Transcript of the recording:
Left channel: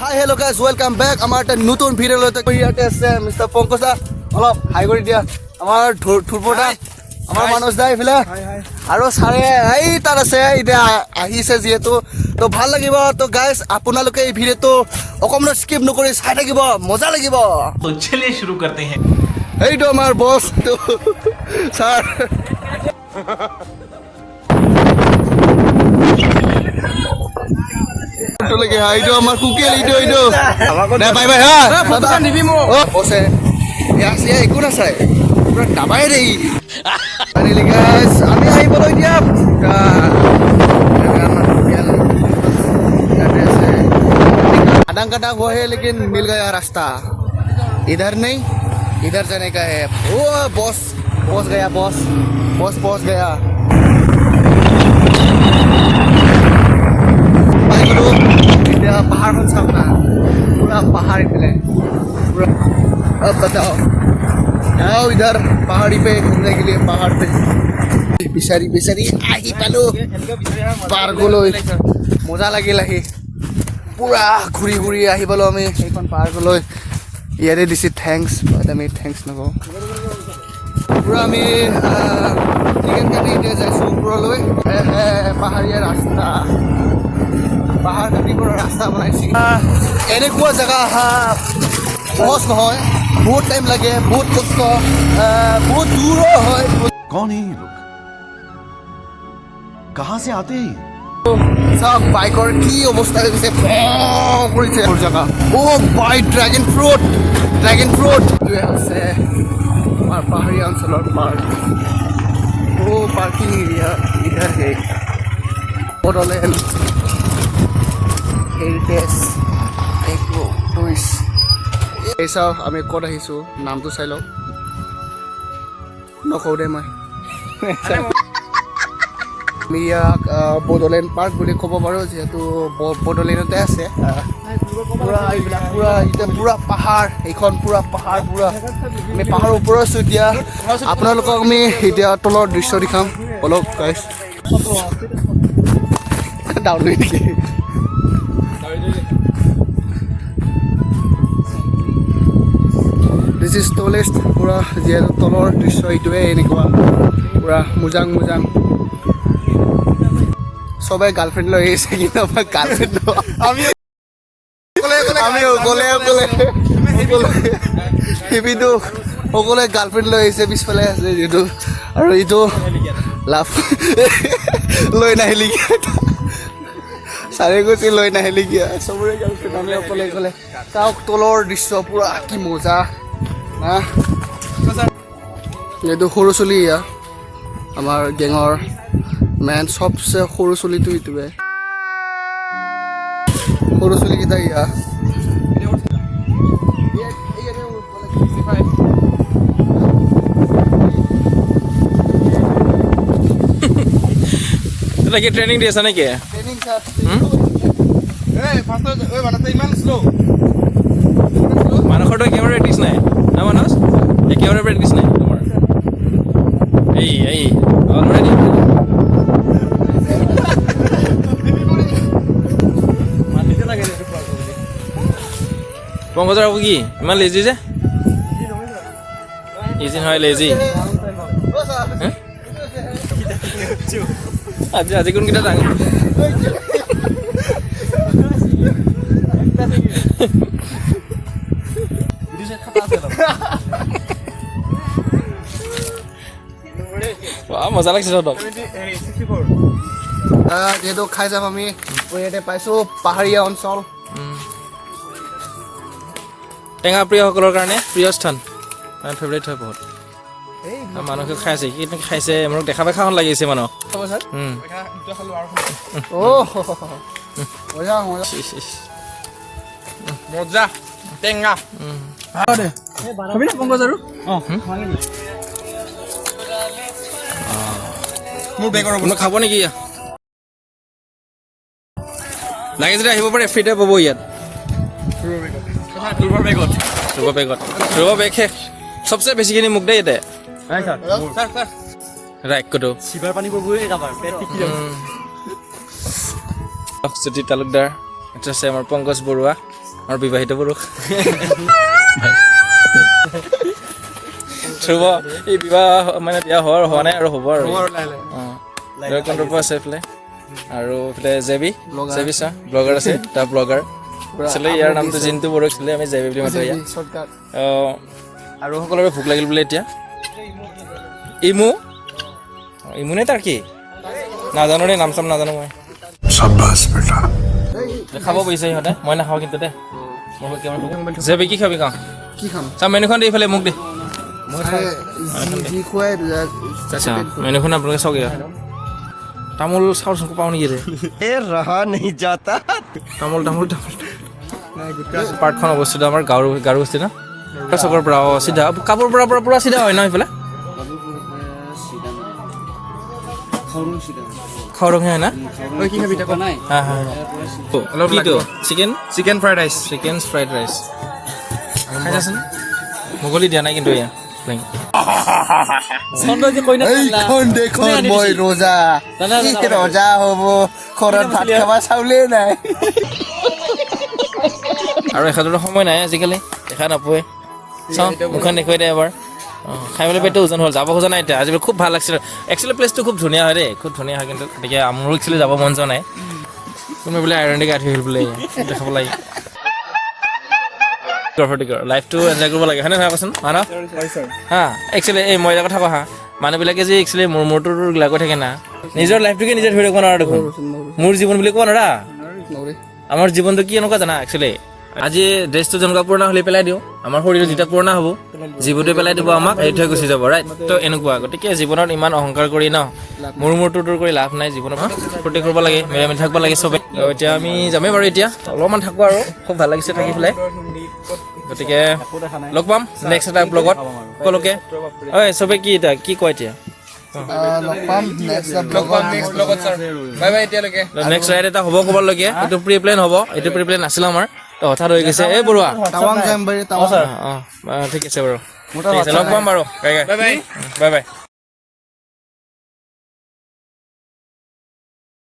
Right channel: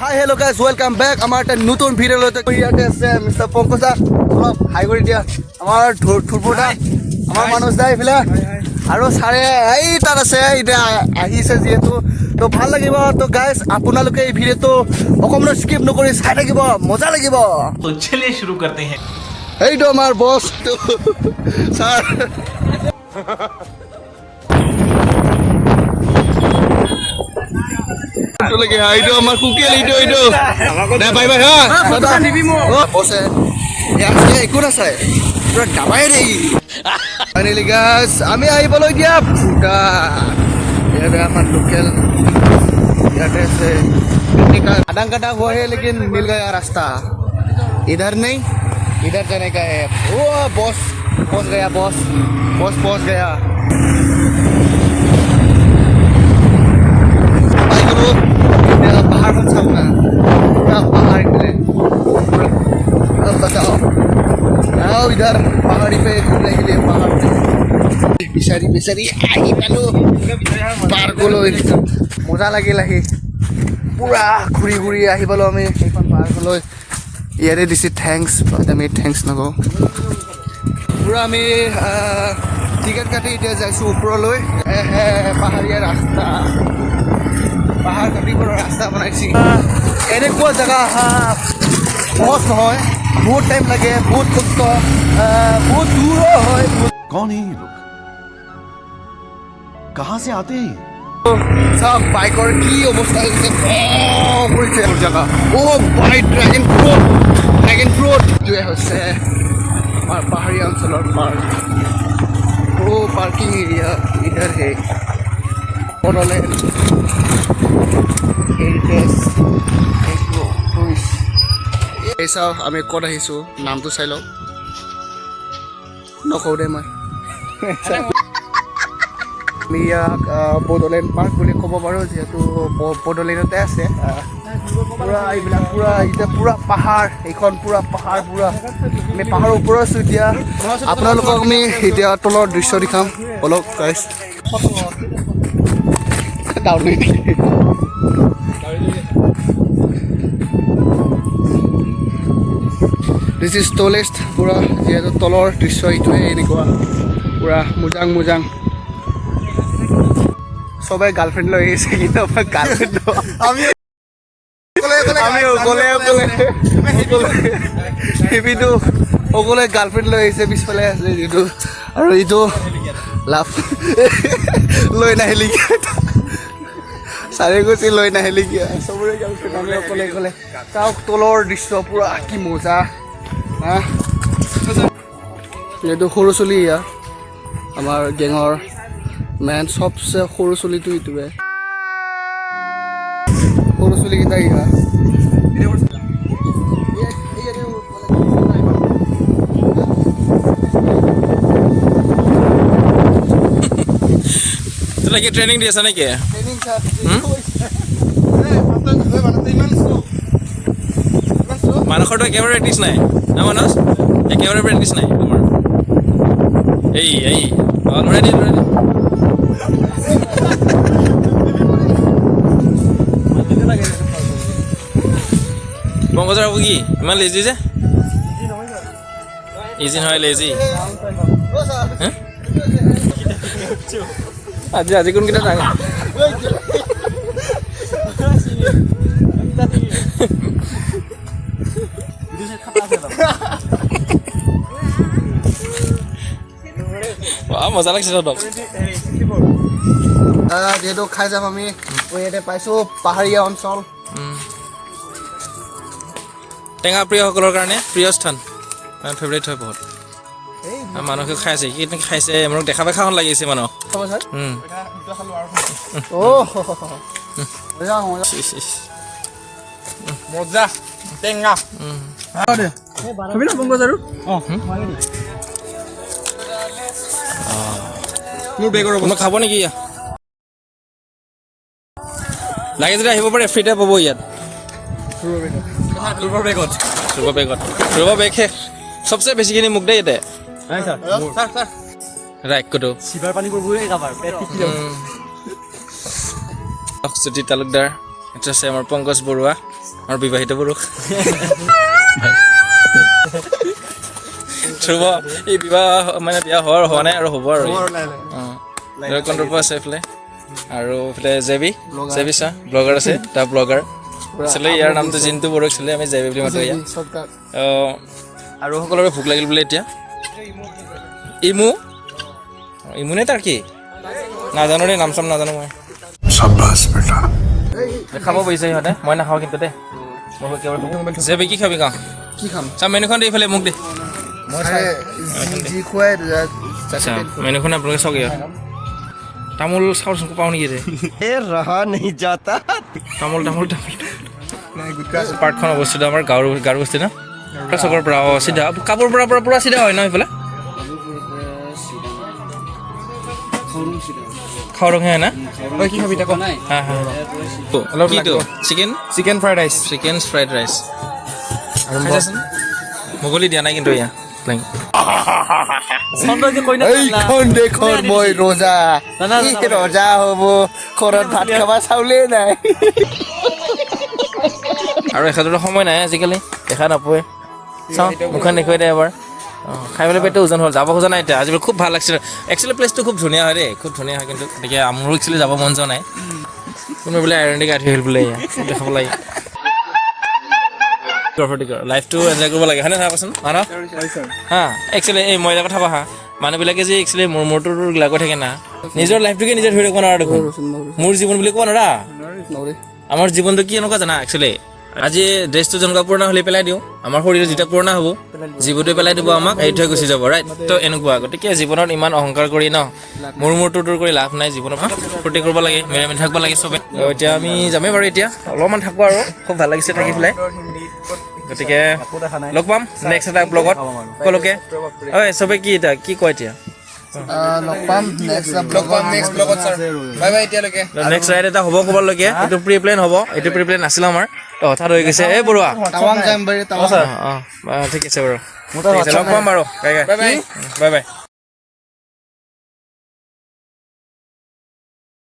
হাই hello' guys welcome back আমাৰ এটা নতুন ভিডিঅ' লৈ ইয়াতে আছে মিষ্টাৰ পংকজা অলপ হাই কৰি দিয়া আমাৰ থুৰপুৰদা আমাৰ মানুষ দা এইফালে আৰু চাৰে এই তাত আছে এতিয়া আহিছে যিহেতু তো ভাল লাগিব তো গাইজ আপোনালোকে এই ভিডিঅ'টো অকণমান স্কিপ নকৰি চাই থাকিব মজা লাগিব तो चलिए शुरू करते हैं এইটো আমাৰ বছ ছাৰ লাগে এইটো আমাৰ কুকিল এইটো দে বাই বাই হা ফটো নিবি মো বসে ইয়াছে একো না চাই পুৰা ডাবাই দেই ফাইনালি গাইস আমি আহিবলৈ দিয়া ফুটা এটা আমাৰ কুকিল ইয়াতে আছে आदंग कटा हुआ है लेकिन मिल गया रास्ता इधर नहीं इधर जाने का है ओ बॉस पहुंच गया बॉस पहुंच गया भाई गुरु पहाड़ पर चलना पूरा पहाड़ पे पूरा अब बताओ आओ इधर पहाड़ी पे घूमने के लिए पहाड़ पे बिचारी बिचारी आगे पालो पार गलो मजा লাগিল আহি পুৰা ঘূৰি ঘূৰি আহিবলৈ আমি সেইখন পাৰ্কলৈ ইয়াৰে দিছে থেংকছ আমি থেংকছ নকওঁ পুৰা আমি টিকেট কাটি এতিয়া যাইছোঁ ওপৰলৈ পাহাৰীয়া ৰাস্তা পাহাৰ কাটিবৰ ৰাস্তা বনাইছে এনেকুৱা জেগা অহা সহজ নহয় বহুত টাইম লাগে বহুত কষ্ট বহুত দূৰো হয় कौन है ये लोग कहाँ से आते हैं সব বাইকৰ কি অৱস্থা হৈ গৈছে কৰিছে জেগা বাই ড্ৰেগন ফ্ৰুট এইটোৱে হৈছে আমাৰ পাহাৰীয়া অঞ্চলৰ পাৰ্ক পাৰ্কিং এৰিয়া ইধৰ হে বড়োলেণ্ড হেৰিটেজ এইটো টুৰিষ্ট এই চাওঁ আমি ক'ত আহিছোঁ নামটো চাই লওঁ নকওঁ দে মই আমি ইয়াক বড়োলেণ্ড পাৰ্ক বুলি ক'ব পাৰোঁ যিহেতু বড়োলেণ্ডতে আছে পূৰা এইবিলাক পূৰা এতিয়া পূৰা পাহাৰ এইখন পূৰা পাহাৰ পূৰা আমি পাহাৰৰ ওপৰত আছোঁ এতিয়া আপোনালোকক আমি এতিয়া তলৰ দৃশ্য দেখাম অলপ গাইছ ডাউনলৈ নেকি দিছ ইজ টলেষ্ট পূৰা যিহেতু তলৰ দৃশ্য এইটোৱে এনেকুৱা পূৰা মোজাং সবাই গাৰ্লফ্ৰেন্ড লৈ আহিছে কিন্তু আমাৰ গাৰ্লফ্ৰেন্ড আমি অকলে গাৰ্লফ্ৰেন্ড লৈ আহিছে পিছফালে আছে যিটো আৰু এইটো লাভ লৈ নাহিলি চাৰে গৈছে লৈ নাহিলি কিয় চবৰে গাৰ্লফ্ৰেণ্ড আমি অকলে চাওক তলৰ দৃশ্য পুৰা কি মজা হা এইটো সৰু চলি ইয়াৰ আমাৰ গেঙৰ মেন সবচে সৰু চলিটো ইটোৱে সৰু চলিকেইটা ইহা তোলা কি ট্ৰেইনিং দি আছা নেকি মানসৰটো একেবাৰে প্ৰেক্টিছ নাই না মানস একেবাৰে প্ৰেক্টিছ নাই তোমাৰ এই লৰাই দিয়া পংকজৰ কি ইমান লেজি যে ইজি নহয় লেজি আজি কোনকেইটা ডাঙৰ মজা লাগিছে তহঁতক যিহেতু খাই যাম আমি ইয়াতে পাইছোঁ পাহাৰীয়া অঞ্চল টেঙা প্ৰিয়সকলৰ কাৰণে প্ৰিয় স্থান ফেভৰেট হয় বহুত মানুহে খাই আছে কি খাইছে মোক দেখা পাই খাওঁ লাগিছে মানুহ মজা টেঙা কোনোবা খাব নেকি লাগে যদি আহিব পাৰে ফ্ৰীতে পাব ইয়াত ৰুব বেগ শেষ সবচে বেছিখিনি মোক দেই ইয়াতে ৰাইকটো জ্যোতি তালুকদাৰ এটা আছে আমাৰ পংকজ বৰুৱা আমাৰ বিবাহিত পুৰুষ ধ্ৰুৱ এই বিবাহ মানে বিয়া হোৱা নাই আৰু হ'ব আৰু ভৈৰৱকুণ্ডৰ পৰা আছে এইফালে আৰু এইফালে জেবি চা ব্লগাৰ আছে তাৰ ব্লগাৰ আছিলে ইয়াৰ নামটো জিন্তু বড়ো আছিলে আমি জেবি বুলি মাতো ইয়াত আৰু সকলোৰে ভোক লাগিল বোলে এতিয়া ইমুনে তাৰ কি নাজানো দেই নাম চাম নাজানো মই शाबाश बेटा খাব পাৰিছে সিহঁতে মই নাখাওঁ কিন্তু দে জেবি কি খাবি কাওঁ কি খাম চা মেনুখন দে ইফালে মোক দে যি খুৱাই আচ্ছা মেনুখন আপোনালোকে চাওক ইয়াত তামোল চাউল চুকু পাওঁ নেকি ৰে ৰহা নেহি যাতা তামোল পাৰ্কখন অৱস্থিত আমাৰ গাঁৱৰ বস্তি ন চকৰ পৰা চিধা কাপোৰ পৰা পুৰা চিধা হয় ন সেইফালে খাওৰঙে হয় না কি খাবি তাকো নাই হা কিটো chicken fried rice chicken fried rice খাইছাচোন মুগলি দিয়া নাই কিন্তু এয়া এইখন দেখোন মই ৰজা কি ৰজা হ'ব ঘৰত ভাত খাবা চাউলে নাই আৰু এখেতৰো সময় নাই আজিকালি দেখা নাপোৱে চাওঁ মুখখন দেখুৱাই দে এবাৰ খাই পেলাই পেটটো ওজন হ'ল যাব খোজা নাই এতিয়া আজিকালি খুব ভাল লাগিছিল একচুৱেলি প্লেচটো খুব ধুনীয়া হয় দেই খুব ধুনীয়া হয় কিন্তু গতিকে মোৰ একচুৱেলি যাব মন যোৱা নাই কোনোবাই বোলে আইৰণ দি গাঠি আহিল বোলে দেখাব লাগে লাইফটো এনজয় কৰিব লাগে হয়নে নহয় কচোন মানৱ হা একচুৱেলি এই মই এটা কথা কোৱা হা মানুহবিলাকে যে একচুৱেলি মূৰটো লাগি থাকে না নিজৰ লাইফটোকে নিজে ধৰি ৰাখিব নোৱাৰা দেখোন মোৰ জীৱন বুলি ক'ব নোৱাৰা আমাৰ জীৱনটো কি এনেকুৱা জানা একচুৱেলি আজি ড্ৰেছটো যেনেকুৱা পুৰণা হ'লে পেলাই দিওঁ আমাৰ শৰীৰটো যেতিয়া পুৰণা হ'ব জীৱনটো পেলাই দিব আমাক এৰি থৈ গুচি যাব ৰাইট তো এনেকুৱা গতিকে জীৱনত ইমান অহংকাৰ কৰি ন মূৰটো দূৰ কৰি লাভ নাই জীৱনত ফূৰ্তি কৰিব লাগে মিলাই থাকিব লাগে চবে এতিয়া আমি যামেই বাৰু এতিয়া অলপমান থাকোঁ আৰু খুব ভাল লাগিছে থাকি পেলাই গতিকে লগ পাম নেক্সট এটা ব্লগত সকলোকে ঐ চবে কি এতিয়া কি কয় এতিয়া লগ পাম নেক্সট ব্লগত ছাৰ বাই বাই এতিয়ালৈকে নেক্সট ৰাইড এটা হ'ব ক'বলগীয়া এইটো প্ৰি প্লেন হ'ব এইটো প্ৰি প্লেন নাছিল আমাৰ তো হঠাৎ হৈ গৈছে এই বৰুৱা টাৱাং যাম বাৰু অঁ ঠিক আছে বাৰু ঠিক আছে লগ পাম বাৰু বাই বাই